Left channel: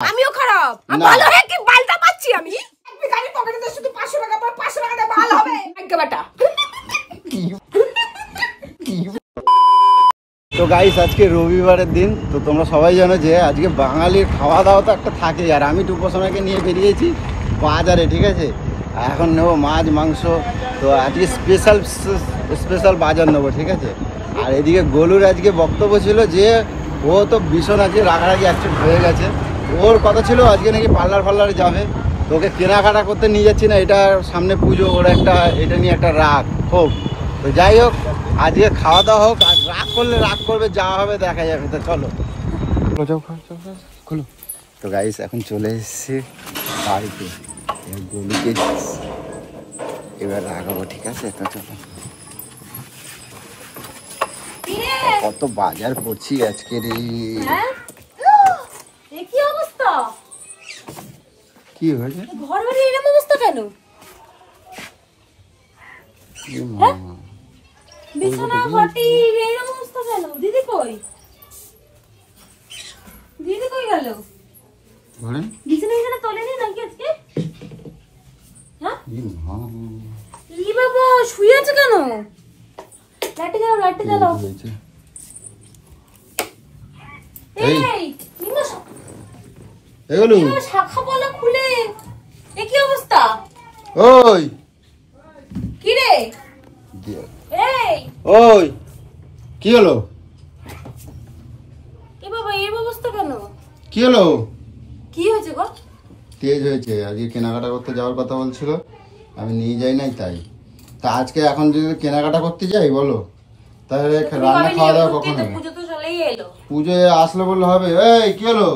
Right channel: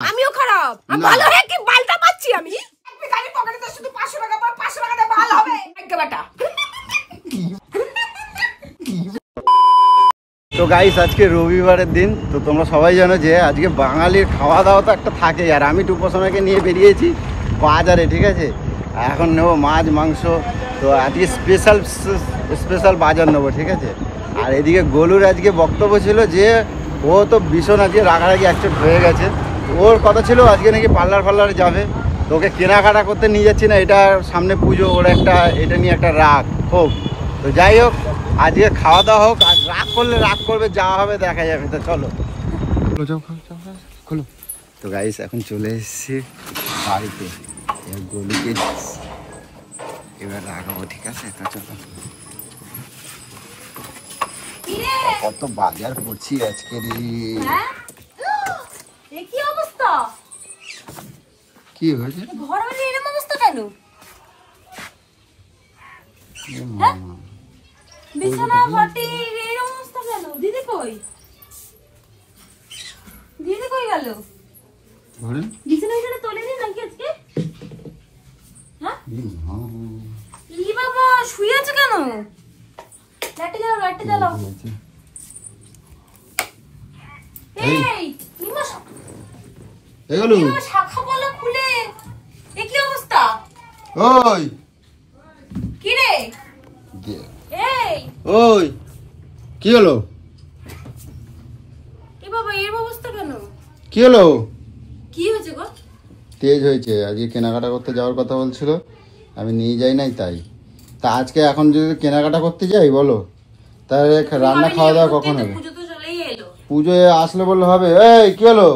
আমিও খারাপ। আমি ভালো হয়ে কি বালটা পাচ্ছি আমি? ভিখারি পকেটে শুধু 500 টাকা পর 500 টাকা দিয়ে বাল হবে। আজ্ঞা বেটা। তো গাইস আজকে রবিবারের দিন, তো তোমরা সবাই জানো যে আজকে বাঙালির খাওয়া দাওয়া তো একটা থাকে। আর আমি টুপসোনাকে নিয়ে বেরিয়েছি বাজারে, ঠিক আছে। এখন নেবো মাছ মাংস, তো আজকে স্পেশাল বাজার নেবো, ঠিক আছে। আর এদিকে গোলুর আজকে বক্তব্য ছিল যে ও তো ভীষণ আজকে রাগারাগি অ্যাকসেপ্ট হয়ে গেছে। ওর কথা ছিল আজকে নাকি পার্লারে যাবে, তো ওকে কেনাকাটা করতে নিয়ে যাচ্ছি না, এটা সামনে পুজো, ওর একটা এটা নিয়ে একটা রাগ হোক। তো যাই হোক, আজকে খাওয়া দাওয়া হোক, আর রাগ করলে রাগ করবে, যা হবে দেখা যাবে। তো চলো খোলো। তো গাইস এখন চলে এসেছি বাড়িতে, গলিকে এবার রাগাবো, ঠিক আছে। তো চলো, এত বাজার করছি আজকে রে। কি অবস্থা? কি হয়েছে? ঘর বাড়ি এরকম অবস্থা কেন? বিছানা বাটি এরকম অবস্থা কেন? দিদি কই গেল? ঘরে বিছানা তোলেনি নাকি আজকে? হ্যাঁ ই বাবা, শুয়ে আছে কেন? লাইটে জ্বালাও। শাখা বলা খুলে, এ কি অবস্থা? ওই কি রে? ওই কি হলো? এ বাবা, এর অবস্থা কেন? কি হলো? কি হয়েছে গো? তেজ হয়েছে, আজকে কেনাকাটা করতে যাওয়ার কথা বলছিল, আমি নিয়ে যাই নাই তাই। তা আজকে এখন যদি কেনাকাটা করতে যাই বলো, তাহলে রান্না খাওয়া দাওয়া কখন হবে? পুজোয় আসলে বললে হবে? এই কি হলো?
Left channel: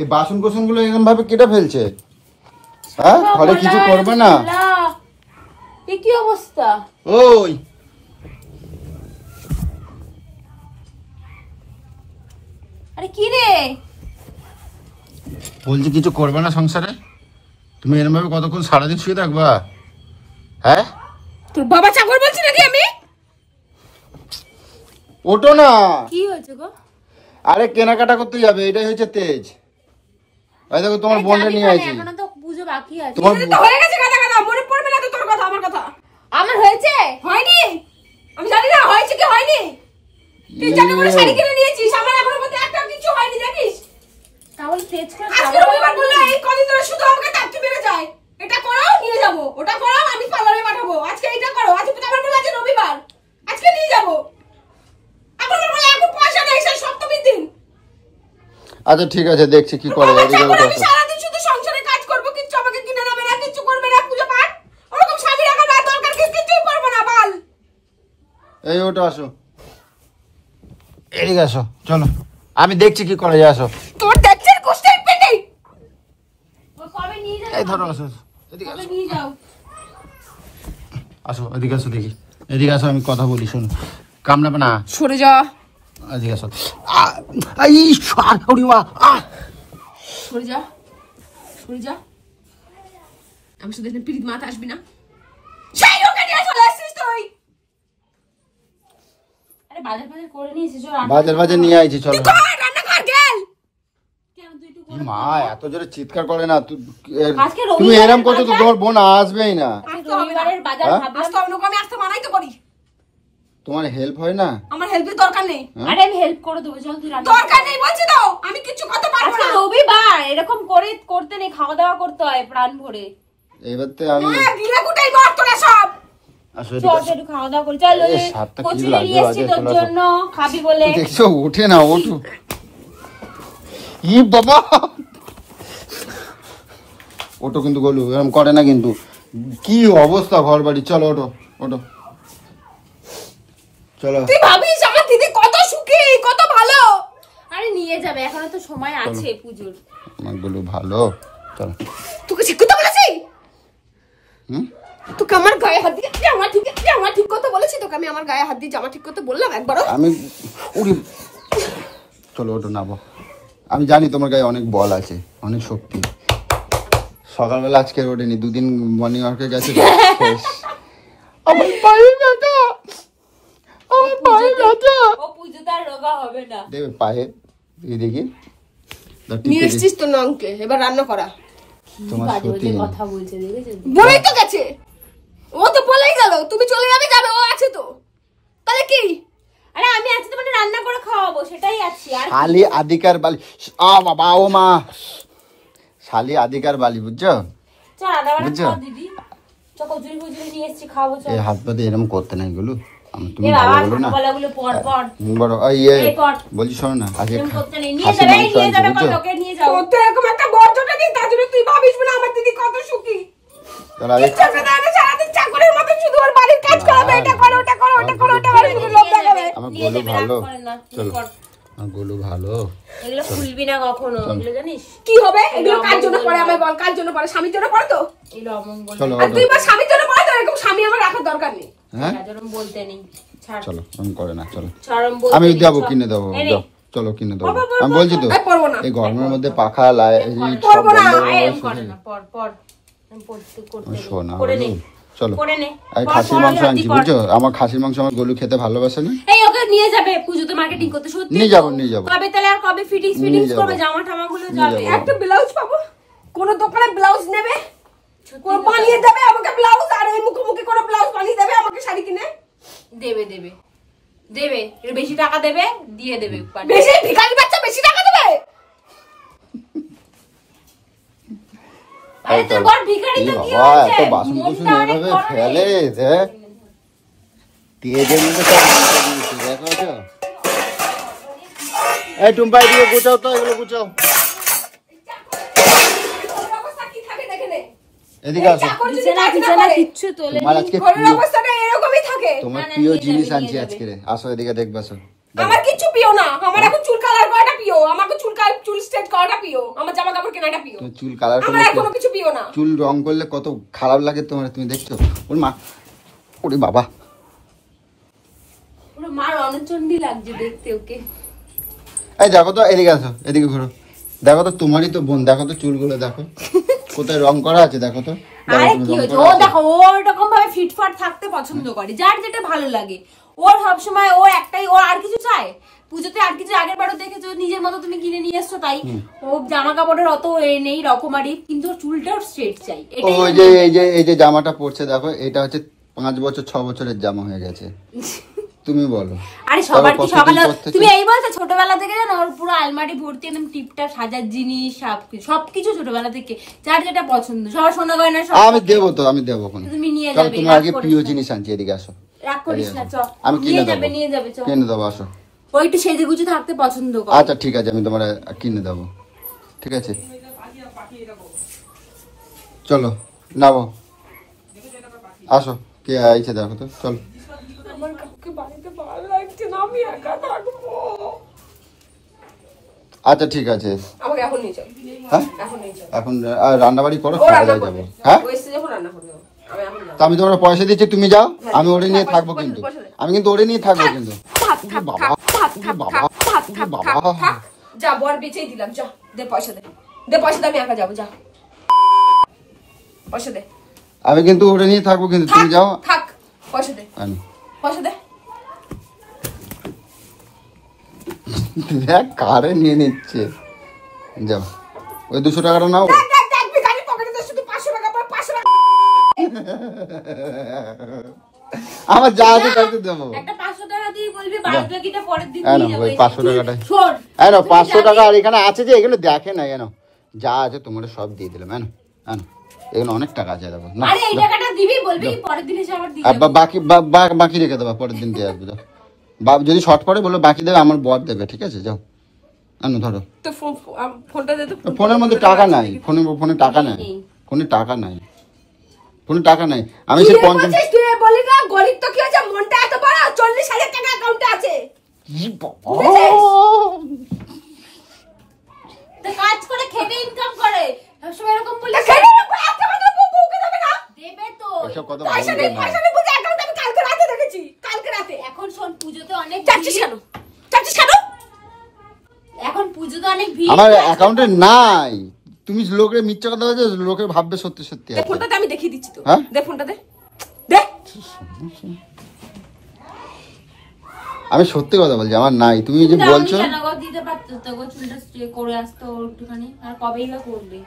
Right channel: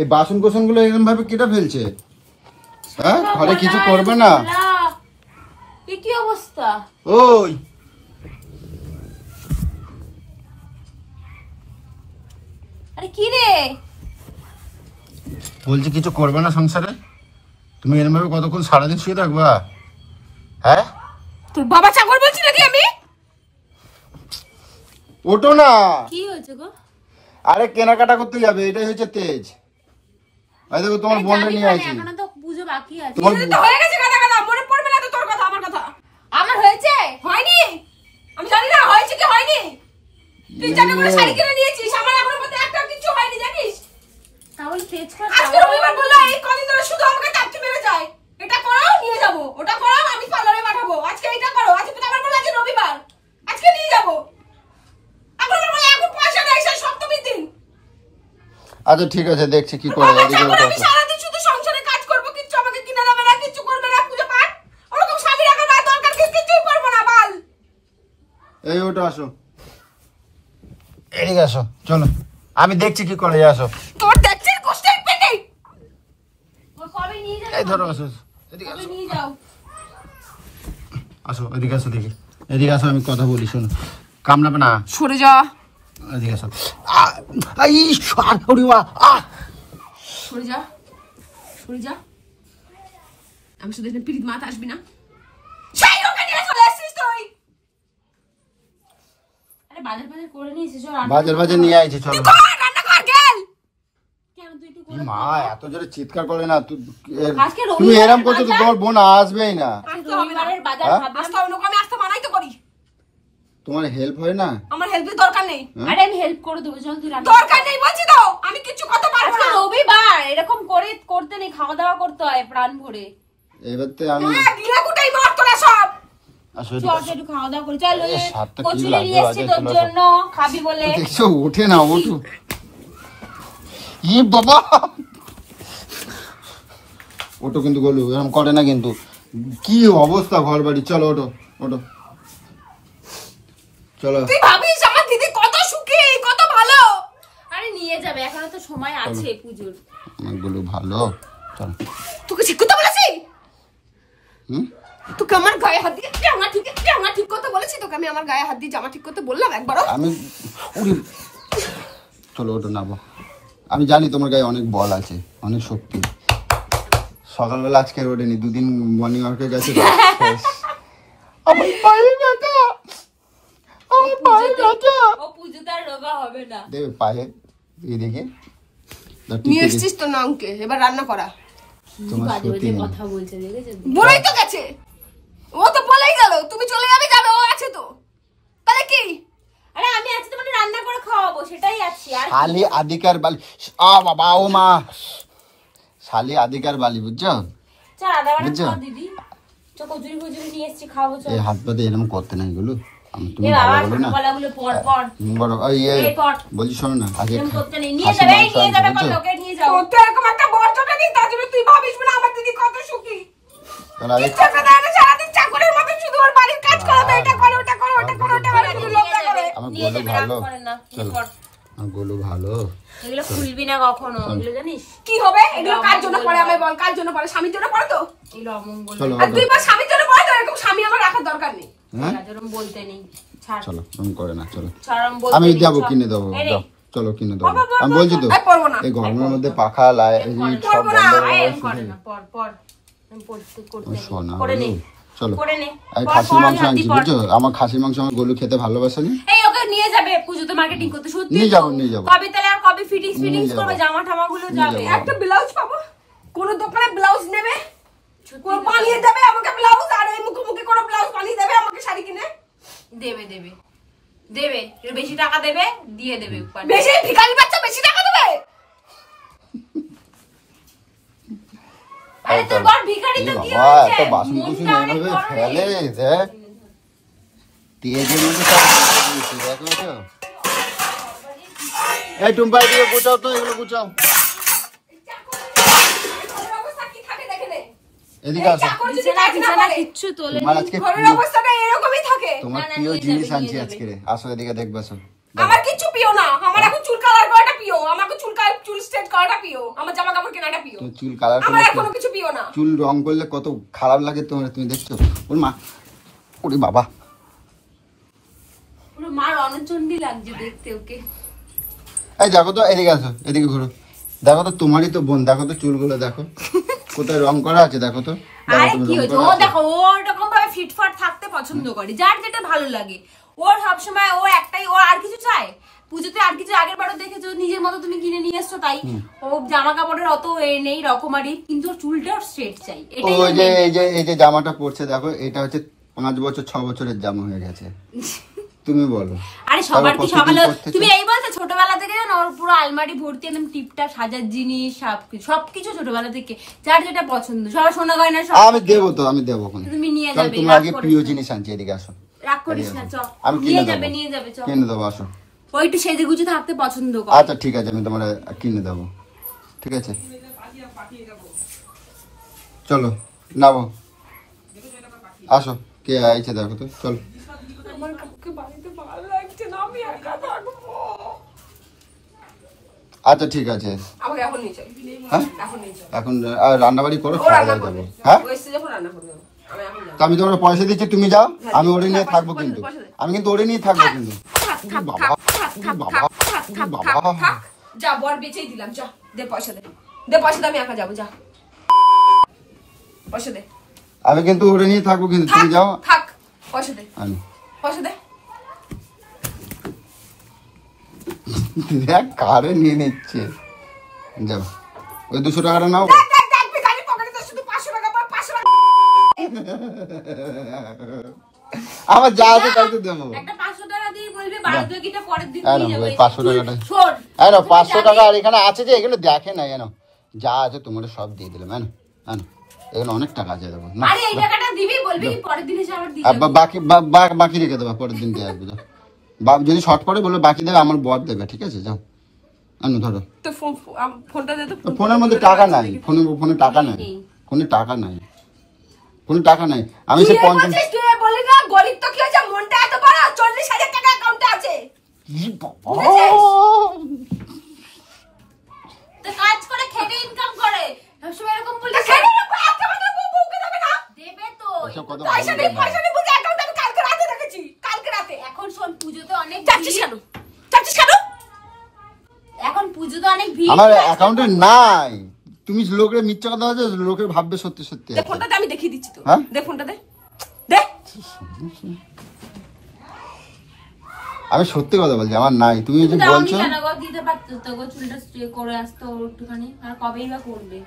এই বাসন কোসন গুলো এরকম ভাবে কেটে ফেলছে, হ্যাঁ? ঘরে কিছু করবে না? কি অবস্থা? ওই আরে কি রে বলছি, কিছু করবে না সংসারে? তুমি এরকম ভাবে কতক্ষণ সারাদিন শুয়ে থাকবা? হ্যাঁ, তোর বাবা চাকর বলছি নাকি আমি? ওটো না। কি হয়েছে গো? আরে কেনাকাটা করতে যাবে, এটাই হচ্ছে তেজ। এই দেখো তোমার বোনকে নিয়ে আইছি। এখনো তো পুজো বাকি আছে। তোমার তো হয়ে গেছে, গাদা মনে পড়বে না তো তোর কথা আমার কথা? আমার হয়েছে? হয়নি? আমি জানি না হয়েছে কি হয়নি। তুই জানো বলে শাড়ি কিনে নিয়েছিস, আমার আমার মধ্যে একটা কিছু হয়নি জানিস? তাহলে তেজ করে আজকে রবিবার বললা, এই কদিন ধরে শুধু আমাকে টাটকি বেড়ে যায়। এটা করো নিয়ে যাব, ওটা করো আমি পার্লারে পাঠাবো, আজকে এটা করো, আজকে তো আমার বলে আজকে রবিবার, আজকে নিয়ে যাব। এখন বলে এখন পয়সা নাই, সেই সপ্তমীর দিন। আচ্ছা ঠিক আছে, দেখছি কি করব। আমি সারাদিন শুধু সংসারে কাজ করব, কিচ্ছু আমাকে কিনে দেবে না, কিচ্ছু করবে না, পুজো পাঠ ওরকম স্বামী রাখার বা দরকার কিছুই করবো না বাল। এই ওটা আসো, এদিকে আসো, চলো আমি দেখছি কি করা যায়। আসো, তোর দেখছিস কোষ্ঠের পেটে ও কবে নিয়ে যাও? এই ধরো, আসো এদিকে কবে নিয়ে যাও? আসো এদিকে আসো, দেখি এদিকে আসো, আমি কথা বলি, শোনো। কামড়াবে না, সরে যা। এদিকে আসো। এই ওরে বাবা, সরে যা, সরে যা। আমি শুধু এখানে পিরিত মাথা আসবি না। সেই ওকে নিয়ে চলে আসছিস তুই? আরে বাজার করে নিয়েছিস? বাজার নিয়ে আইছি, চলো। রান্না কর গেল। কেন তুই একটু করে মা এত জোরে চিৎকার করে না, আজকে তুমি এরকম করছো তো তোমার বোন আসবেই না। আজকে রবিবারের বাজার ভাবলাম আসতে হবে না, আমি আসতে মানাই তো করি। তোমার হেল্প হয় না? আমার হেল্পের দরকার নেই। আরে আমি হেল্প করে দেবো, চল তুই রান্না। দরকার নেই বলছি তো, আমি কিছু করতে পারবো না। রবিবার এরকম করে করতে নেই, খাওয়া দাওয়া করতে হয় প্রাণ ভরে। এবার তো আমি গিলা গুটাই কর তোরা সব। চল একটু খাওয়া দাওয়া করি, চল। ওই কচুরি নিয়ে এসেছি তোর জন্য, খাবি বলে। দেখছো ওঠে না, ওঠো। ই বাবা, ওটো কিন্তু গলু এরকম করে না কিন্তু। কি অবস্থা ঘর বাড়ি, চলো ওঠো ওঠো, চলো। তুই ভাবিস আমার দিদি কত সুখী, কত ভালো? আরে নিয়ে যাবে, এখনো তো সময় আছে পুজোর। আমাগুলো ভালো, চলো। তোকে ঠিক কথা বলেছি? হুম, তোকে আমার গায়ে হাত দিয়ে জামা ঠিক করতে বলেছি? তোকে আমি আমার গায়ে হাত দিয়ে জামা ঠিক করতে বললাম একবারও? আমি চলো ওটো নাবো। আমি জানি তোমার গায়ে অনেক বল আছে, অনেক শক্তি। সকালবেলা আজকে ওঠেনি, দুদিন মর্নিং ওয়ার্কে গেছে। ও পুজোতে আর রোগা হবে না। দেবে পায়ে, এই দেখি নিয়ে এসছিস তো নংকে, এবার রান্না করা। তোমার সত্যি কথা বলছে বলেই তো গেছে, ও তো বলেই গেল তুমি চলে যাবে, যাবে ও আছে তো, তাহলে কি? আরে আমি আজকে তোমাকে রান্না করে খাওয়াবো, সেটাই আছি। আর শালি আদিকার বালি, বাবা ও মা, শালি আদিকার বালি, বুঝছো? চল রান্না করে খাওয়া দিদি, চল কচুরি ফচুরি নিয়ে এসেছি, খাবো চল। এই হাত পাতে এরকম করতে নাই গুলো, তুমি এ বাবা বলো না বলাগুলো পর পর বড় এই বলছি শোনো না, আগে এরকম করতে নেই, নিয়ে যাবে কোন লোকে নিয়ে যাও। তো এরকম একটা বর্জটা নেই, তার জন্য তুই ভাবিস না আমার দিদি কত সুখী। টাকা দেয় না, সারাদিন চাকরের মতো শুধু ওর বাড়ির কাজ করাবে, এটা করো ওটা করো ওটা করো ওটা করো, শুধু লোভ দেখাবে। নিয়ে যাবে, রাগ করে না। গোলু ভালো, এগুলো খুলবি না কখনো, এগুলো জানিস কি হবে? এগুলো কার জন্য পড়ে আমায় বল, কার জন্য পড়ে? স্বামীর জন্য পড়ে তো। এগুলো অমঙ্গল। আর তুই বল স্বামীর জন্য পড়ে তো, এরকম স্বামী আমার রাখার দরকার নেই। হ্যাঁ রাজরম বলতে নেই, ছাড়। চলো আমি করে না, চলো ছাড়ম বলতে আমি নেই, দেবো, চল। কিনে দেবো, এনে। চলো কিনে দেবো। আমি বলছি তো পড়বো না, এই গরমের মধ্যে পাখা পড়বো না। এরকম করে না, পর পর আমি পড়তে করতে নেই। শোনা করে নে, চলো করে নে। এই পর খাসির পর মাংস হাতি আনছি, পর। বুঝছো? আমার খাসির মাংস আমার গোলু খেতে ভালোবাসে না। এই ওকে নিয়ে যাবে পুজোতে মার্কেটিং করতে, সত্যি নিয়ে তো? যাবো, নিয়ে যাবো। কবে তাহলে আর কবে ফিটিংস নিয়ে করবে, যাবো। জামা ঠামা গুলো নিয়ে যাবে। যাবো। একটা ব্লাউজ পাবো, কোন দোকানে ব্লাউজ নেবে, সত্যি কোন কথা। বানিয়ে দেবে আমাকে ব্লাউজ, আর এই মুখোমুখি করে ব্লাউজ বানিয়ে দেবে আমাকে শাড়ি কিনে। দেবে দেবে দেবে, এর বেশি টাকা দেবে, দিয়ে দেবে। বেশি ভিখারি বাচ্চা বেশি টাকা দেবে? আরে তোর বড় ভিখারি তো কি বাবা, হয়েছে, এত বাসন কুসন মনটা অনেক এইভাবে বড় রে। ফেলে, হ্যাঁ? তেজের মধ্যে সব দিয়েছে, দেখো তো। এই টুম্পা এগুলো গুছাও তো, এগুলো গুছাও। অবস্থা কি থাকে দেখে নে। এদিকে আসো। চাকর যদি বিছানা কাজ না বিছানা করে, কিচ্ছু তোলে তোমার আজকে ঘরের অবস্থাটা এরকমই থাকে। তোমার না, না, প্রিয় নিয়ে জিনিস যাবে, আনছি নিয়ে আজকে রে। আসো এদিকে দেখবে, আসো। আমার কিচ্ছু প্রিয় না, আমার এখন চুল কালার করাটা প্রিয়, আমাকে চুল স্ট্রেট করাটা প্রিয়, আমার জামা কাপড় কেনাটা প্রিয়, তোমার চুল কালার আমার আর কোনো কিছু প্রিয় না। চুল রং করলে কত খারাপ লাগে তোমার, তুমি দেখছো? ওর মা, ওরে বাবা, পুরো মার অনচন্ডী লাগছে দেখতে ওকে। এই দেখো তো, এদিকে আসো, এদিকে ঘোরো। দেখো তো, তোমারই তো বোন, দেখো তো চুলগুলো দেখো কোথায় রং করা আছে, দেখো তো। আরে তুমি কি রং হয়েছে, করা ও আছে? দেখো ও ওরকম ভাবে ফিটফাট থাকতে পছন্দ করে, যার যেটা ভালো লাগে। ওর সবসময় ও একটাই, ও আর কিছু চায় পুজোতে, আর কিছু আগের বারও দেখেছো নিজের মতো তুমি কিনে নিয়ে এসছো, তাই ও জামা কাপড়ের অত নেই রকমারি, কিন্তু ওর চুলটা স্ট্রেট চাই, ও এটাই ওর যে main এই যে ব্যাপার। এই যে জামাটা পরছে দেখো, এটা হচ্ছে 5 বছর 6 বছরের জামা হয়ে গেছে। তুমি বলো। আরে সবার কি কতদিন সকালে পরতেছে? তুমি এই বলছো, ছোটবেলা থেকে জানো ওর পুরো আলমারি ভর্তি একদম টিপটাপ সাজার জিনিস, সবকিছু ছোটবেলা থেকে যার যেটা পছন্দ, সবার সোনা গয়না সব আমি থাকে। দেবো তো, আমি দেবো কোন। তুমি নিয়ে চলো, যাবে, তোমার রাগ আগে করিস প্রিয় না। জিনিস আনছি, এদিকে আসো। রাগ করিস না, চ আমি নিয়ে কিনে যাবে, দেবো। নিয়ে যাবে, চ। কিনে দেবো, আসো। ও একটু সেজে গুজে থাকতে পছন্দ করে। আচ্ছা ঠিক আছে, আমি তোমার কিনে দেবো, ঠিক আছে। চলো নামো, আসো। কে আইছে দেখো তো, চল। আমার কাউকে বাড়িতে ভালো লাগছে না, আমি একা থাকবো। আচ্ছা ঠিক আছে, আমাকে এখন নিয়ে চল, হ্যাঁ এখন নিয়ে চল। এখন রান্না বাড়ি করো, ও রান্না যাবো। করবে, হ্যাঁ, ও এসে যখন রান্না করবে, আমি এখন যাবো। তা আমি তোমার পয়সা দিচ্ছি, তুমি যাও, হ্যাঁ, আমি ওরে নিয়ে পয়সা- থাকবো পয়সা- কিন্তু, পয়সা দে। আমি কিন্তু ওরে নিয়ে থাকবো কিন্তু। থাক থাক থাক থাক থাক থাক থাক থাক থাক থাক, যা বর বেচেই দিলাম, যা দে পয়সা দে, দে পয়সা দে, আমি একা যাবো, যা পয়সা দে। আমি কিন্তু ওরে নিয়ে থাকবো কিন্তু, থাক তুমি যাও। থাক, পয়সা দে, কেন? পয়সা দে। দেখ কারে নিয়ে নিচ্ছে, যাও। ওই 200 টাকাটা নাও। দেখ দেখ দেখ, ভিখারির পকেটে তো শুধু 500 টাকা পড়ে, 500 টাকা। আমার যা আছে তাই তো দেবো। একটা 500 টাকা দিয়ে বলবি বাড়িতে গিয়ে পরের দিন এই নিয়ে নাও, যাবো। ওই 500 টাকাটা। শোন, এই নাও, তুমি 500 যাবি? টাকা আর এখানে আছে যে, এগুলো দেখে না, এনো যা আছে তোমার সব দিয়ে দিলাম, এনো এনো, এখানে অনেক টাকা আছে দেখো। না, আরে এই টাকাটা দিবি, বলবি কি পরের দিন এসে আবার দিয়ে আর যাবো। বাকি রেখে দেবা, পরের দিন দিয়ে আসবো, যাও। যদি শর্ট করে বলো বাকি দেবে, আমার বর দেবে, ঠিক আছে, যাও। এনো ধরো। তো ফোনটা দে তো। ফোনের মধ্যে টাকা নাই, ফোনে টাকা নাই, ফোনে টাকা নাই, ফোনে টাকা নাই। আমি তুই সে এই 50 বলছিস, তুই এই বলি না, গরিব তো কি হয়েছে, মনটা এত বড়, 40,000 টাকা অ্যাকাউন্টে আছে। বুঝেছিস? তো কাজ করে খেটে ইনকাম করে, সবসময় এরকম বলিস। তা খেয়ে নেবো, আজকে আমাদের বউকে দেবে না? দেবে তো। আচ্ছা, কথা পয়সা নেই, বলবো না। পয়সা নেই, বুঝে অ্যাকাউন্ট আমি কালকে রাতে দেখেছি, কালকে রাতে। এখন শোন, পুজোতে অনেক চাচ্ছিস ভিড়। কেন? চাচ্ছিস কেন? এখন পুজোতে অনেক ভিড়। আমার অ্যাকাউন্টে নাই, তুমি লোকের মিথ্যা কথা হয়েছে, লোকের ভাববে সত্যি সত্যি দে আছে। ফোনটা দে, আমি দেখিয়ে দিচ্ছি তো। দে ফোনটা দে, দে। আমি সত্যি কথা বলছি, আমার নাই। তুমি যে বলছো কেন গো, দিতে পারতো তো গো, চুলটা স্ট্রে করে আসতো একটুখানি, আর কবেই বা করবে?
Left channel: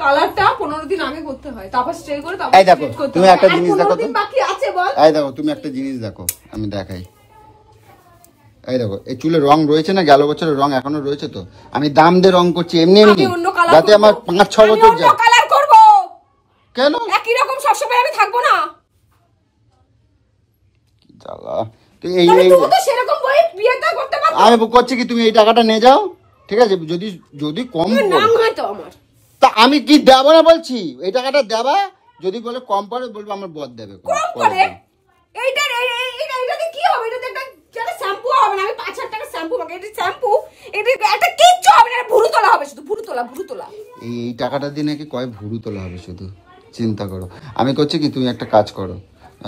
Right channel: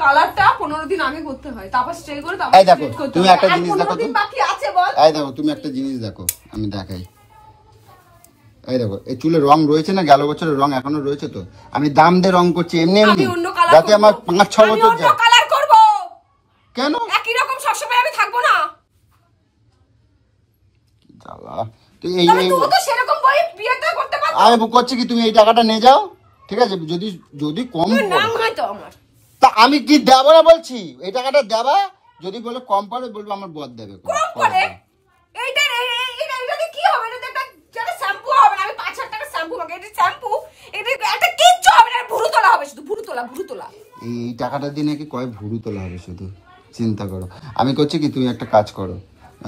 কালারটা 15 দিন আগে করতে হয়, তারপর স্ট্রে করে তারপর এই দেখো, স্ট্রেট করতে তুমি হয়। একটা আর জিনিস 15 দেখো দিন তো। বাকি আছে বল। এই দেখো, তুমি একটা জিনিস দেখো, আমি দেখাই। এই দেখো, এই চুলে রং রয়েছে না, গেল বছরের রং এখনো রয়েছে তো। আমি দাম দিয়ে রং করছি এমনি এমনি, আমি অন্য কালার যাতে করব, আমার 5-6 আমি বছর অন্য যায়। কালার করব। কেন একই রকম সবসময় আমি থাকবো না। জ্বালা। তো এই তাহলে তুই তো সেরকম বই বিয়েটা করতে পারতো। আমি করছি কি, তুমি এই টাকাটা নিয়ে যাও, ঠিক আছে? যদি যদি কম তুই নাম হয়তো আমার। তা আমি কি দেবো না বলছি, এই টাকাটা দেবা। যদি বলে কম পড়ে, বলবো আমার বদ দেবে। কম করে এইটাতে কি হবে? এটাতে একটা শ্যাম্পু হবে না। আমি 5,000 টাকা শ্যাম্পু মাগে, এটা শ্যাম্পু, এটা একটা কিচ্ছু হবে না। ভুরু তোলা হবে শুধু, ভুরু তোলা। এই টাকাটা দিয়ে নাকি কয় ভুরু তোলা হবে শুধু, চিন্তা করো। আমি করছি কি, তুমি একটা কাজ করো,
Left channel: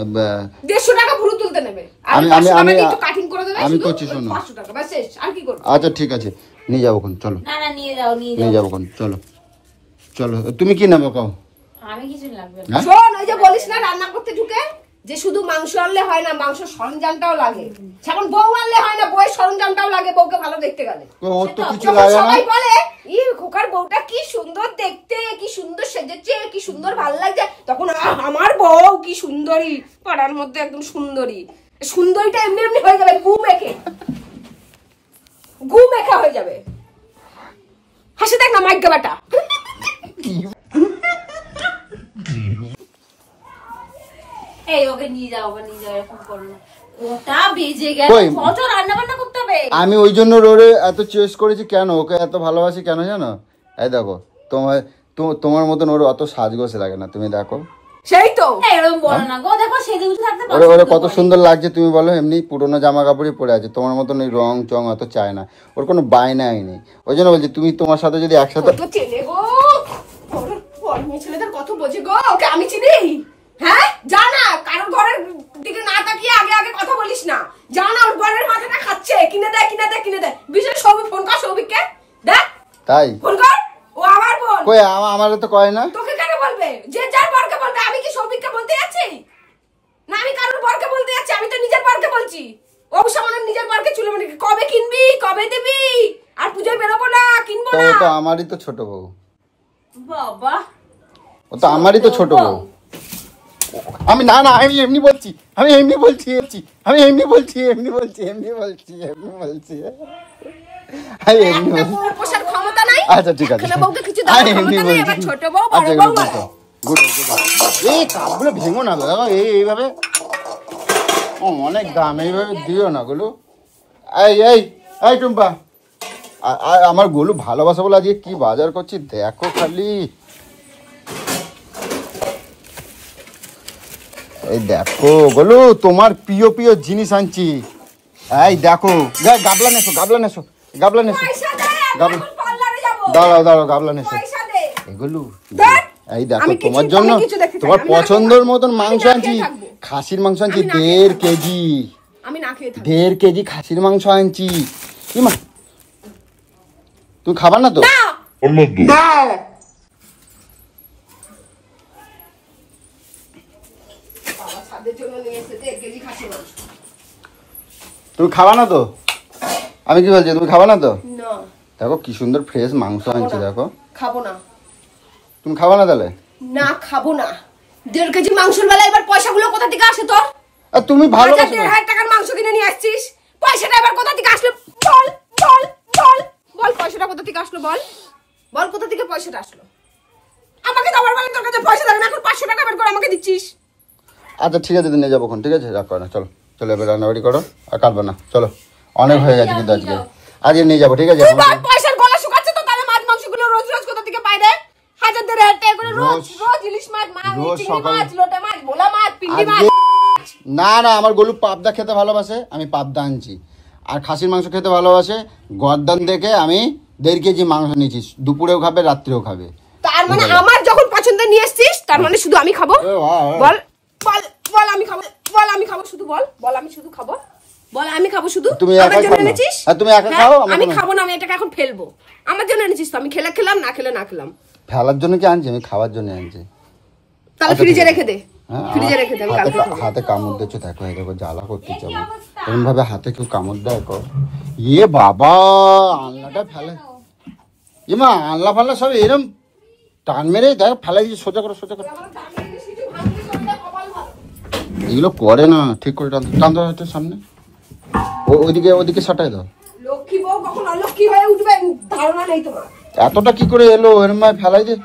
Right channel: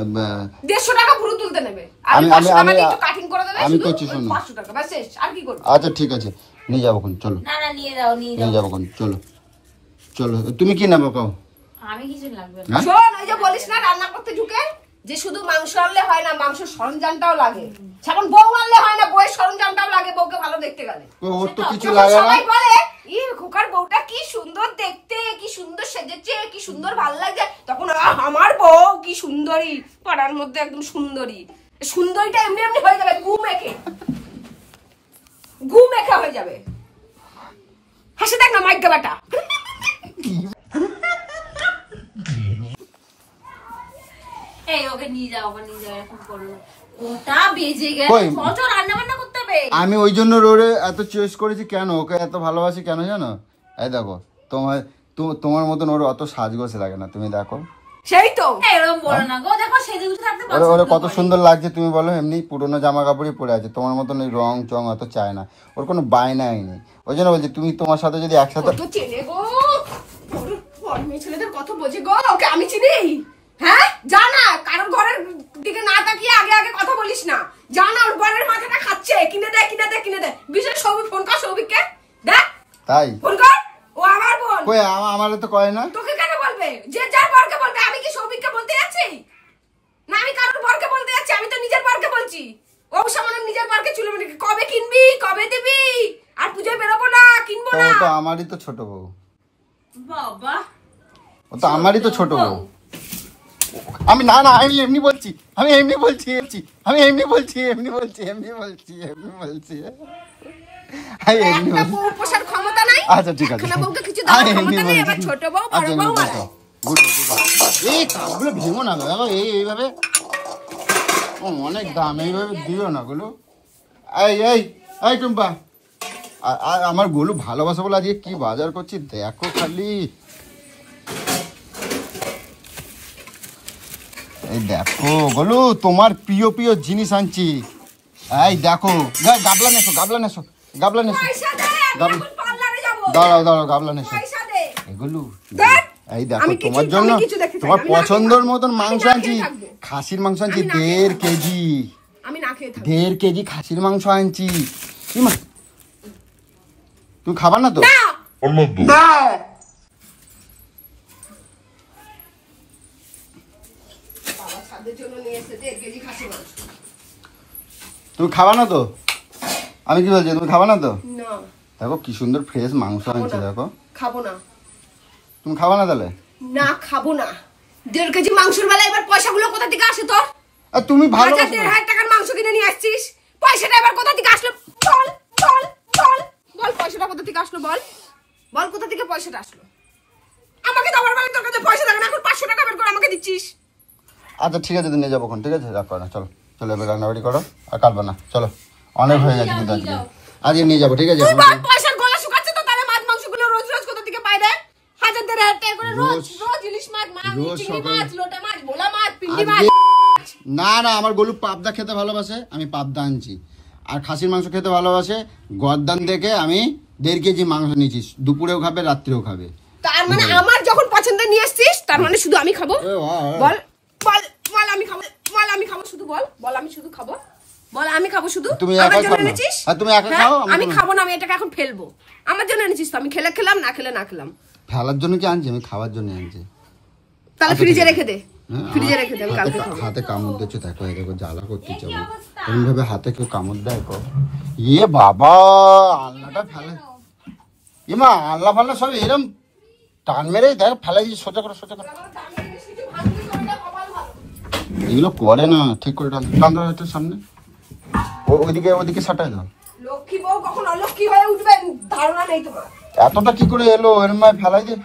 150 টাকা ভুরু তুলতে নেবে, আমি 500 টাকা দিয়ে একটু কাটিং করে দেবে শুধু, 500 টাকা বাস শেষ। আর কি করব? আচ্ছা ঠিক আছে, নিয়ে যাবো কোন, চলো। না না, নিয়ে যাও নিয়ে যাবো কোন, চলো চলো। তুমি কি নেবো কাও? আমি কিছু লাগবে না। হ্যাঁ? শোন, ওই যে বলিস না রান্না করতে ঢুকে যে শুধু মাংস আনলে হয় না, মাংস সরঞ্জামটাও লাগে। এখন বউ আনলে হয় না, বউয়ের সরঞ্জামটাও লাগে বউকে ভালো দেখতে গেলে। ওর তো কিছু যখন লাগে না। সবাই বলে ই খোকার বউটা কি সুন্দর দেখতে, কি সুন্দর সেজেছে, কি সুন্দর ভালো লাগছে, তখন আমার বউ কি সুন্দরী, পাড়ার মধ্যে একদম সুন্দরী। সুন্দরীটা এমনি এমনি হয়ে যাবে, গু মেখে হয়ে যাবে। হাসি দেখ না মাইকা বেটা। এই ওকে নিয়ে যাও, এরকম করো না। ওটা বেজে গেল, কই? কত রান্না বান্না করতে হবে। আমি ওই জন্য রোরে এত চয়েস করেছি কেন, ওকে এত ভালোবাসি কেন জানো? এই দেখো, তোমার মতন ওর অত সাজগোজ লাগে না, তুমি দেখো। সেই তো এরকম বলো না গো, দেখো সেজে গুজে থাকতে ওরা পছন্দ কত করে। সুন্দর লাগছে, তুমি বলো। এমনি পুরোনো জামা কাপড়ই পরে আছে, তোমার মতন এই রং চং অত চায় না, ওর কোনো বায়নাই নেই। ওই জন্য বলছি, তুমি তোমার সাথে যদি একসাথে, কত চেনে গো, ওর মেয়ে ছেলেদের কত বোঝে গো। ওকে আমি চিনি, হ্যাঁ? জানা কারোর ঘরের দিকে না তাকিয়ে আগে কথা বলিস না। জানা ওর ঘরের মাথাটা খাচ্ছে, কিনে দেয়। বিশেষ সৌভিক, ফোন কর সৌভিককে, দেখ তাই ফোন কর। ও আবার বল। কই আমার তো কয় না। তোকে কেন বলবে? যে যার বরকে বলবে। আমি কি সৌভিককে বলতে যাচ্ছি? না আমি কারোর বরকে বলতে যাচ্ছি, আমি তো নিজের বরকে বলছি। অবশ্যই নিজের বরকে চুলে মানে কবে কিনবি, কবে দিবি? আর পূজায় বেরোবো না, কিনবো না। তো আমারই তো ছোট বউ, বাবা ও তো আমারই তো ছোট বউ। আমি না আমি এমনি বলছি। একটা বউ পোষার ক্ষমতা নাই। আচ্ছা ঠিক আছে, একখানা বউকে কিছু দেওয়ার ক্ষমতা নাই, আবার ছোট বউ বড় বউ বাড়ায়। এই কাপগুলো ভেঙো না বাবা, এইভাবে অনেক দাম, এইভাবে দিও না গুলো। এই টুম্পা, আমার গোলু ভালোবাসা বলে আজকে কি বাজার করছি দেখো খালি। এই দেখো গোলু, তোমার প্রিয় জিনিস আনছি। এই দেখো, গাবলা নেছো। পয়সা দে, আমি এখন পার্লারে যাবো। দাঁড়াও গাবলা নেছো পয়সা দে। এগুলো। দেখ, এই দেখো, আমি তোমার জন্য কিছু দেখতে চাই না, তোমার আমি না পছন্দের খেয়ে মতন থাকবো। মাংস আমি না আনছি। খেয়ে থাকবো। খাসির মাংস আনছি আমি না খেয়ে 1.5 থাকবো। কেজি। আমি না খেয়ে থাকবো। 1.5 কেজি খাসির মাংস আনছি। ইমা, তুমি খাবা না তো? না বাবা ছাদের জন্য নিয়ে এসেছে 1 কেজি খাসি মাংস। তুমি খাবা না তো? আমি কি বলছি, তুমি খাবা না তো? না দেখো কি সুন্দর ফ্রেশ মাংস আনছি, দেখো। খাবো না। তুমি খাবা না তাহলে? না খাবো না। 1.5 কেজি মাংসের বেলা এবার পয়সাগুলো কোথা থেকে আসে তোর? আর তুমি ভালো 1,000-1,500 টাকার মাংস কিনে নিয়ে আসছিস, পয়সাটা এবার কোথা থেকে আসলো? বল পয়সাটা কোথা থেকে আসলো? বল কোথা থেকে পয়সাটা আসলো? আমাকে দেওয়ার বেলা তোর কাছে পয়সা থাকে না, এখন 500 টাকা বের করে আমাকে দিচ্ছিস। আচ্ছা ঠিক আছে, নিয়ে যাবো, ঠিক আছে, রাখো না, চলো এবার রান্নাবাড়ি করো, আর কাটবে না, চলো অনেক হয়ে গেছে কিন্তু আজকে নিয়ে যাবো, ঠিক আছে? তুই বল পয়সার গলা শুকাচ্ছে তো, তাহলে মাছ মাংসগুলো রোজ কোথা থেকে পাই রে? 1,000-1,500 টাকা করে রোজ ইলিশ মাছ, রোজ চিংড়ি সকালে- মাছ, লোটে মাছ, ভোলা মাছ, পিন্ডি মাছ। না আমার গলু পাবদা খেতে ভালোবাসে, আমি পাবদা আনছি। আর খাসির মাংস খেতে ভালোবাসে, গর্দান থেকে আমি 1.5 কেজি মাংস নিয়েছি, দুপুরেও খাবে রাত্রেও খাবে। তার মানে আমার যখন পছন্দ নিয়ে আসছিস, তার মানে শুধু আমি খাবো? বল আমি খাবো শুধু, বল আমি শুধু খাবো, বল আমি খাবো শুধু। তুমি আমার একাই জন্য খাবে? এনেছিস? হ্যাঁ, তুমি একা হ্যাঁ, খাও, আমি আমি খাবো না, আমি এটাকে এখন ফেলবো। আমার জন্য এনেছিস তো, আমি খেলে খেলাম, না খেলে না খেলাম। ফেলার জন্য কি আনছি, আমি খাওয়ার জন্য আনছি। তাহলে ফ্রিজে রেখে দে। ফ্রিজে রেখে দেন, কালকে খাবো। হাতে কামড় দিচ্ছে, দেখো দেখো জ্বালা করতে চাই এরকম ভাবে হাতে কেউ কামড় দেয় কর। ইয়ে বাবা, আল্লাহটা ফেলে ইমা, আল্লাহ ফাল্লা সব এরকম টান মেরে দেখ ফেলাই দিয়ে সোজা করো সোজা করো। এগুলো করে না, ঠিক করে টান দেওয়া হচ্ছে সামনে, ওইদিকে ওদিকে সটাই দাও। লক্ষ্মী বউ কখন অলক্ষ্মী হয়ে উঠবে ধারণা নেই তোমার। এতটা কি করে এলো এরকম ভাবে ফেলাই দিয়ে?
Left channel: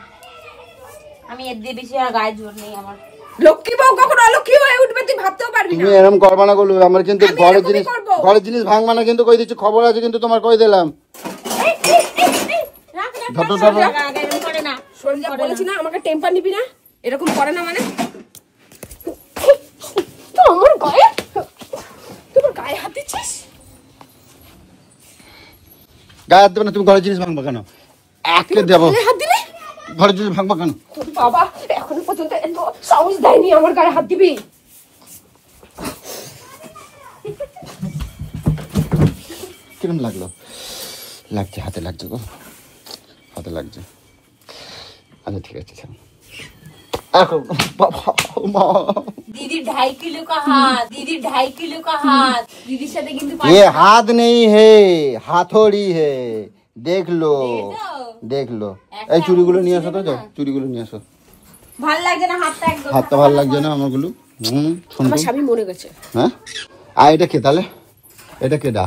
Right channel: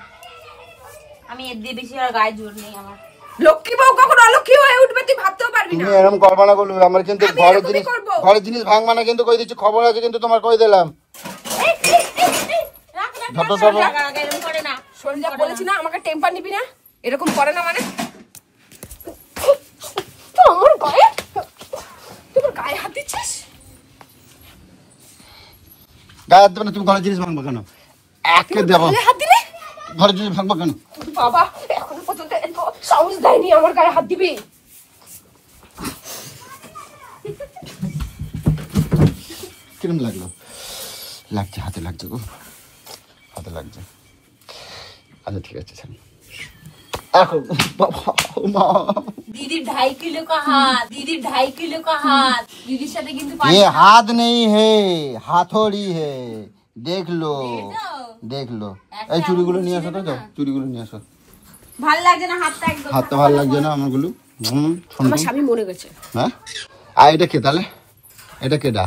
আমি এর দিয়ে বেশি আর গায়ে জোর নেই আমার। লক্ষ্মী বউ কখন অলক্ষ্মী হয়ে উঠবে তুই ভাবতেও পারবি না। তুমি এরকম করবা না গুলো, আমার কিন্তু আমি এরকমই করবো। ঘরের জিনিস ভাঙবা না কিন্তু, কই দিচ্ছি খবর আছে কিন্তু, তোমার কই দিলাম। সন্ধ্যা বলেছি না আমাকে টেম্পার নিবি না, এরকম করে না মানে আমার গায়ে, তোমার গায়ে হাত দিচ্ছিস। গায়ে হাত দেবে না, তুমি ঘরের জিনিস ভাঙবা কেন? একে দেবো গায়ে হাত দিলে ঘরের জিনিস ভাঙবা কেন? তোর বাবা এখনো পর্যন্ত এত সাহস দেয়নি আমার গায়ে হাত দিবি। কিরম লাগলো? লাগছে, হাতে লাগছে গো, হাতে লাগছে। আচ্ছা ঠিক আছে, दीदी 2.5 किलो का हाथ, दीदी 2.5 किलो का हाथ, दीदीর সাথে কিন্তু ये हाथ नहीं है, हाथोड़ी है, देख लो देख लो। এই চুড়িগুলো নিয়ে আসো তো, চুড়িগুলো নিয়ে আসো। ভাল লাগছে না হাতটা একদম? হাতটা ভালো লাগছে না আমারগুলো। আমার স্বামী মরে গেছে। হ্যাঁ, আর এটা কে তাহলে? এটা কেডা?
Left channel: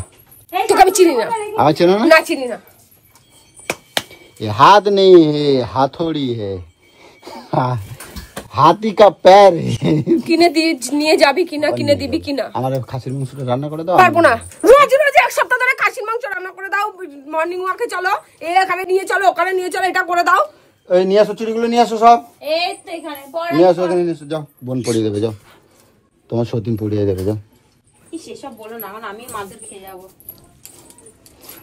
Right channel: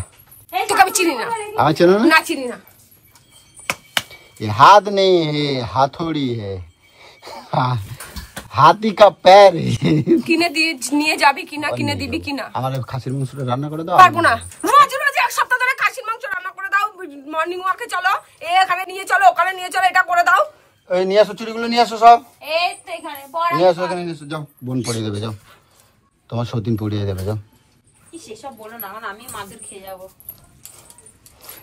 তোকে আমি চিনি না। আমি চেনো না? না চিনি না। ये हाथ नहीं है, हाथोड़ी है, হাতি কা প্যার है। কিনে দিয়ে নিয়ে যাবি কিনা, কিনে দিবি কিনা? আমার খাসির মাংসটা রান্না করে দাও। পারবো না, রোজ রোজ এক সপ্তাহ ধরে খাসির মাংস রান্না করে দাও। মর্নিং ওয়াকে চলো, এখানে নিয়ে চলো, ওখানে নিয়ে চলো, এটা করে দাও। এই নিয়ে আসো চুড়িগুলো, নিয়ে আসো সব এই তো এখানে নিয়ে আসো, এখানে নিয়ে আসো, যাও বোন পড়িয়ে দেবে, যাও তোমার সতীন পড়িয়ে দেবে, যাও। কি সেসব বলো না, কারণ আমি মাদুর খেয়ে যাবো।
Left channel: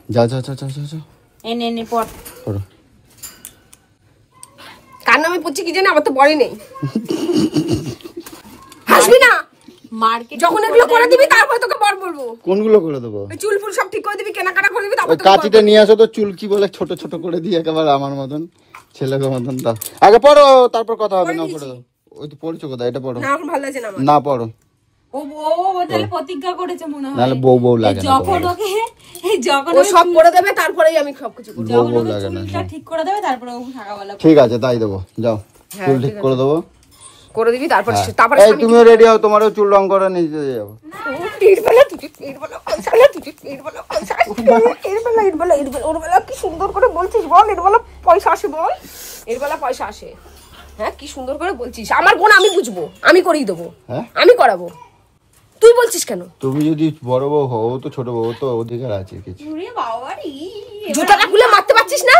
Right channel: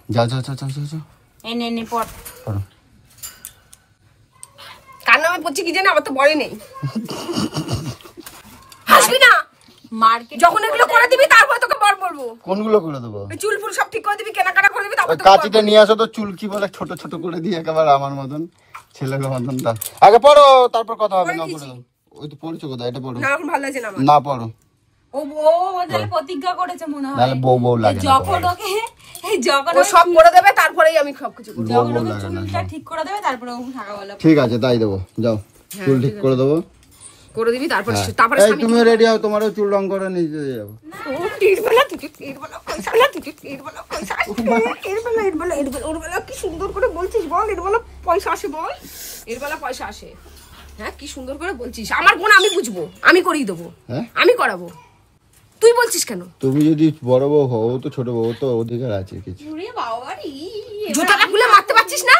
যাও যাও যাও যাও যাও, এনে এনে পড় পড়ো। কার নামে পড়ছি কি জানি, আমার তো বড়ই নেই। হাসবি না, মার্কেট যখন এগুলো করে দিবি তারপর তোকে বর বলবো। কোনগুলো করে দেবো? চুল ফুল সব ঠিক করে দিবি, কেনাকাটা করে দিবি, তারপর ওই তোকে বর কাঁচিটা বলবো। নিয়ে আসো তো, চুল কি বলে ছোট ছোট করে দিয়ে একেবারে আমার মতন, ছেলেকে মতন। তা আগে পড়ো, তারপর কথা হবে। না পড়ো, ওই তো পড়ছো কোথায়, এটা পড়ো। না এখন ভালো লাগছে না আমার। না পড়ো, ও তাহলে প্রতিজ্ঞা করেছে মনে হয়। নাহলে বউ বউ লাগে না। যখন ওকে যখন ও সব করে দেবে তারপরেই আমি সবকিছু করবো। যখন বউ ওকে লাগে না। চুলটা ঠিক করে দেবে তারপরে ও সকালবেলা ঠিক আছে তাই দেবো, যাও হ্যাঁ, চুল ঠিক করে দেবো। করে দিবি তারপর হ্যাঁ। তারপরে এই স্বামী তুমিও রেডি হও, তোমারও চুল রং করে নিতে যাবো। ইটবেলা তুই ইটবেলা পয়সা না, তুই ইটবেলা পয়সা ইটবেলা ইটবেলা ইটবেলা ওরবেলা কি সুন্দর করে বলছিস বল, ইটবেলা পয়সা আসে বল, ইটবেলা পয়সা আসে। হ্যাঁ কি সুন্দর করে বলছিস। আমার বোন আমি বুঝবো, আমি করিয়ে দেবো, হ্যাঁ আমি করাবো, তুই বলছিস কেন? তুমি যদি বড় বউ হও, ও তো ছোট বউ, ও তো অধিকার আছে কিছু। জুতাটা খুলে মারতে পারছিস না?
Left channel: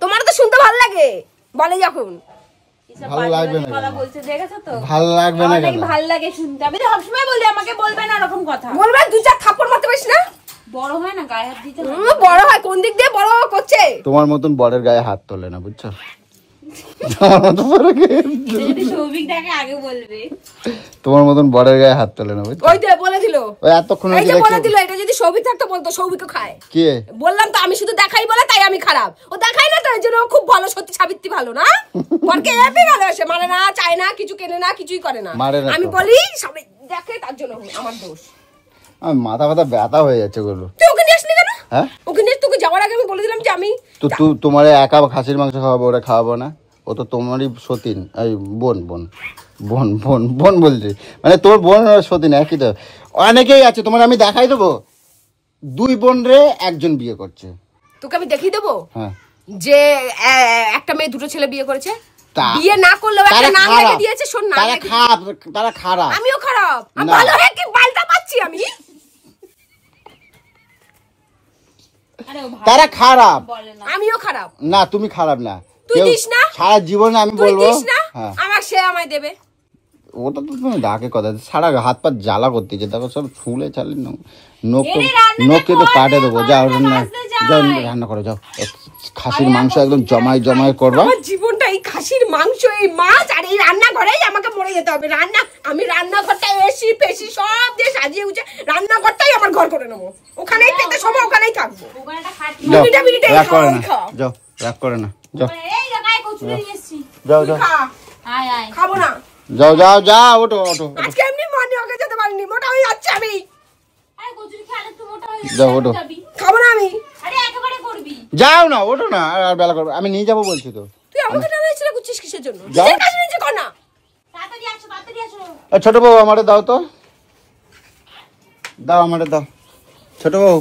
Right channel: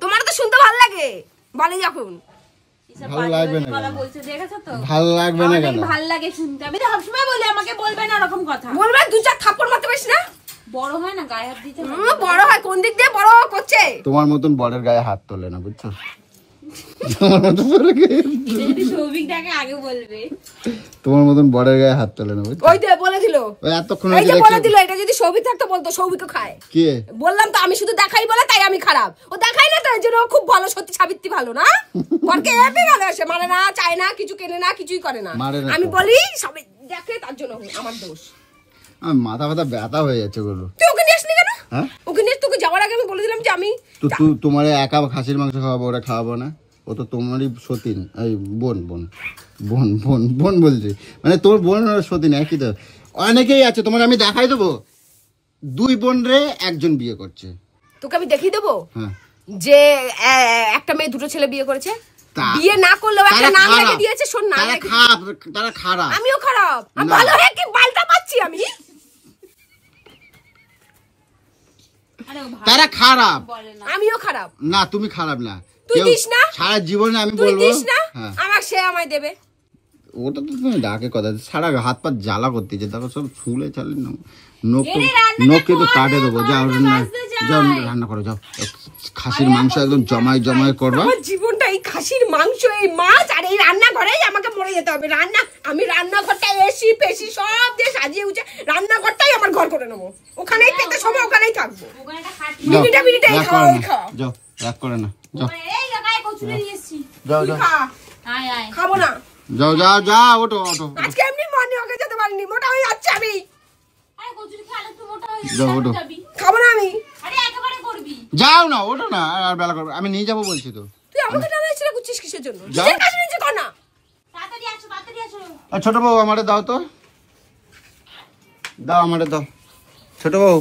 তোমার তো শুনতে ভালো লাগে বলে যখন। ভালো লাগবে না কথা কেন? বলছে দেখেছো তো? ভালো লাগবে না কেন? ভালো লাগে শুনতে। আমি তো সবসময় বলি আমাকে বলবে না এরকম কথা। বলবে দু চার থাপ্পড় মারতে পারিস না? বড় হয় না গায়ে হাত দিতে। বড় হয় কোন দিক দিয়ে বড় করছে? তোমার মতন বরের গায়ে হাত তোলে না, বুঝছো? তোমার মতন বরের গায়ে- যদি সৌভিকটাকে আগে বলবে। তোমার মতন বরের গায়ে হাত তোলে না, বুঝছো? ওই যে বলে দিল, ওই এতক্ষণ এই যে বলে দিল, এটা যদি সৌভিক থাকতো বলতো সৌভিকও খায়। কি বললাম তো আমি শুধু দেখাই বলে তাই আমি খারাপ। ও দেখাই না তো এর জন্য ও খুব ভালো, সত্যি সাবিত্রী ভালো না। বরকে এমনি ভালোবাসে, মানে না চায় না, কিছু কেনে না, কিছুই করে না। মারে না তো। আমি বলি সবাই দেখে তার জন্য আমার দোষ। আমার মাথা ব্যথা ব্যথা হয়ে যাচ্ছে গুলো। তুই ওকে নিয়ে আসলি কেন? হ্যাঁ ওকে নিয়ে তোকে যাওয়ার আগে আমি বলে দিলাম যে আমি তো তোমার একা খাসির মাংস খাওয়াবো, ওরা খাওয়াবো না? ও তো তোমারই সতীন, এই বোন বোন বোন বোন বোন বলছি, মানে তোর বোন আর সতীন একই তো। অনেকেই আছে, তোমার আমি দেখাই দেবো, 2 বোন রে 1 বিয়ে করছে। তোকে আমি দেখিয়ে দেবো হ্যাঁ যে একটা মেয়ে 2 ছেলে বিয়ে করেছে। তা- বিয়ে না করলেও একটা তারা নাম রেখে খারাপ। দিয়েছে। শোন নাম তারা রেখে খারাপ, তারা খারাপ। আমিও খারাপ, আমি না। ভালো হয়ে কি বালটা পাচ্ছি আমি? আরে ও তারা খারাপ বলে না। আমিও খারাপ। না, তুমি খারাপ না। তুই কেউ- দিস না? সারা জীবনে আমি তুই বলবো। দিস না? হ্যাঁ আমার সে আমায় দেবে। ওটা তো তুমি ডাকে কথা, সারা হাত পা জ্বালা করতেছে, দেখো সব ফুলে চালে নখ নখকে তো কাটে দেবো। যাও যাও রান্না করো, যাও খাসির মাংস একদম জমাই জমাই করবা। আমার জীবনটা এই খাসির মাংস, এই মাছ আর এই রান্না ঘরেই আমাকে মরে যেতে হবে। আমি রান্নাঘরটা এসি পেশি সব দিয়ে সাজিয়ে উঠে রান্নাঘরটাই আমার ঘর করে নেবো। ওখানেই খেতে সবাই ওখানেই থাকবো। ওখানে একটা খাট- যাও, মিনিটে মিনিটে রাগ করে না, খাও। যাও রাগ করে না, যাও এই গায়ে কচুরি নিয়ে এসেছি। যাও তুই যাও খা। আয় আয়। খাবো না। যাও যাও যাও, ওঠো ওঠো আজকে এমনি মানে ওকে যেতে পারিনি, মোটা হয়ে যাচ্ছে আমি। আরে কচুরি খেলে তুই মোটা হয়ে যাও, ওঠো। যাবি। খাবো না আমি। আরে একেবারে করবি। যাও না, ওঠো না, আর বেলা করবো, আমি নিয়ে যাবো বলছি তো। তুই আমাকে টানা ছেড়ে করছিস কিসের জন্য? যাও। নিজের কাজ নিজে কর না। তাড়াতাড়ি আসো, তাড়াতাড়ি আসো। ছোট বউ আমারে দাও তো, দাও আমারে দাও, ছোট বউ,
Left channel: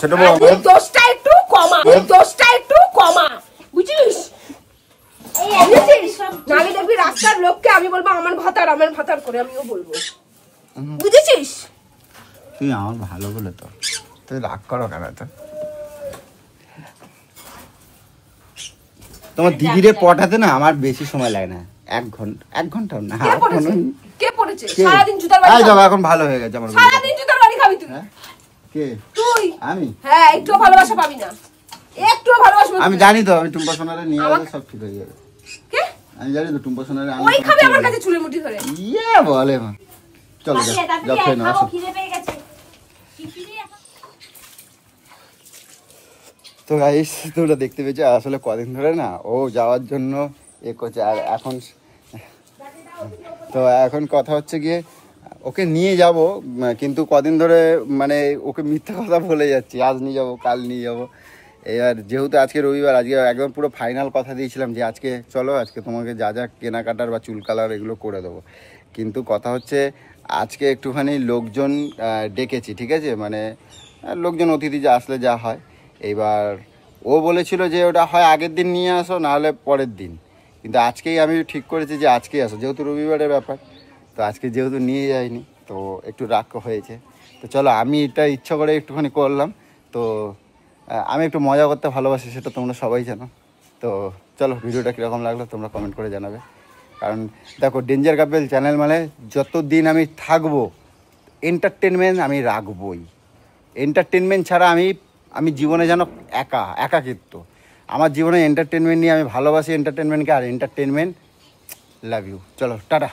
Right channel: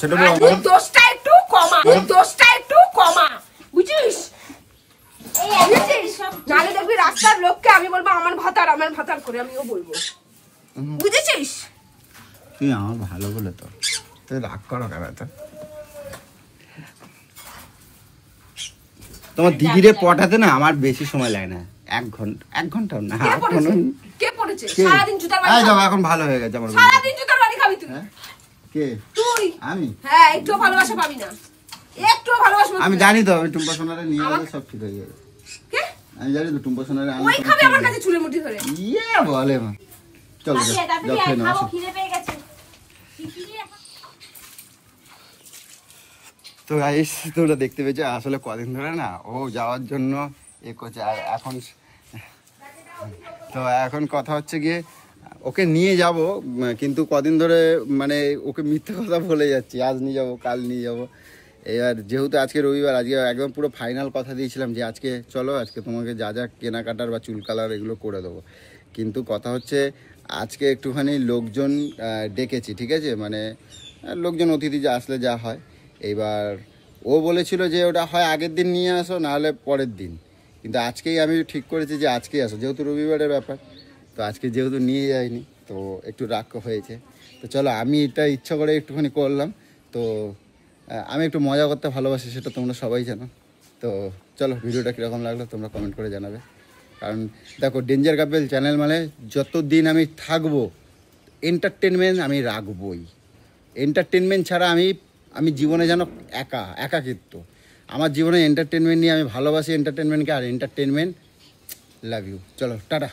ছোট বউ আর আমারে। দোষটা একটু কমা, দোষটা একটু কমা, বুঝছিস? বুঝেছিস? নাহলে দেখবি রাস্তার লোককে আমি বলবো আমার ভাতার করে, আমিও বলবো, বুঝেছিস? তুই আমার ভালো বলে তো, তুই রাগ করো কেন তো? তোমার দিদিরে পটাতে না আমার বেশি সময় লাগে না, 1 ঘন্টা না। কে পড়েছে? কে পড়েছে? কে? সারাদিন জুতার বাড়ি এই খাবি। দেখো, এখন ভালো হয়ে গেছে আমার বন্ধু। সারাদিন জুতার বাড়ি খাবি তুই। হ্যাঁ? কে? তুই আমি? হ্যাঁ, একটু ভালোবাসা পাবি না, একটু ভালোবাসা পাবি আমি না। জানি তো, আমি টুম্পা সোনারে নিয়ে গেলে আমাকে- সব ঠিক হয়ে যাবে। কে? আমি জানি তো টুম্পা সোনারে আমি ওই তোমার খাবে ঠিক আমার হয়ে কাছে চুলে মুঠি ধরে। যাবে। ইয়ে বলে মা, চলো যাও, তাড়াতাড়ি যাও খেয়ে আয়, নাও, খাবো, আসো। খিদে পেয়ে গেছে। খিচুড়ি এখন। তো গাইস, তোমরা দেখতে পেয়েছো আসলে কদিন ধরে না ও যাওয়ার জন্য করছে, আর এখন তো এখন কথা হচ্ছে গিয়ে ওকে নিয়ে যাব, কিন্তু কদিন ধরে মানে ওকে মিথ্যা কথা বলে যাচ্ছি, আজ নিয়ে যাব কাল নিয়ে যাব। এবার যেহেতু আজকে রবিবার, আজকে একদম পুরো ফাইনাল কথা দিয়েছিলাম যে আজকে চলো, আজকে তোমাকে যা যা কেনাকাটার বা চুল কালার এগুলো করে দেবো। কিন্তু কথা হচ্ছে আজকে একটুখানি লোকজন ডেকেছি, ঠিক আছে, মানে লোকজন অতিথি যা আসলে যা হয়। এইবার ও বলেছিল যে ওটা হয় আগের দিন নিয়ে আসো, নাহলে পরের দিন, কিন্তু আজকেই আমি ঠিক করেছি যে আজকেই আসো, যেহেতু রবিবারের ব্যাপার। তো আজকে যেহেতু নিয়ে যাইনি তো একটু রাগ হয়েছে। তো চলো, আমি এটা ইচ্ছা করে একটুখানি করলাম। তো আমি একটু মজা করতে ভালোবাসি, সেটা তোমরা সবাই জানো। তো চলো, ভিডিওটা কীরকম লাগলো তোমরা কমেন্ট করে জানাবে। কারণ দেখো, ডেঞ্জার কাপেল চ্যানেল মানে যতদিন আমি থাকবো এন্টারটেনমেন্ট আমি রাখবই। এন্টারটেনমেন্ট ছাড়া আমি জীবনে যেন একাকিত্ব। আমার জীবনে এন্টারটেনমেন্ট নিয়ে আমি ভালোবাসি এন্টারটেনমেন্টকে, আর এন্টারটেনমেন্ট লাভ ইউ। চলো টাটা।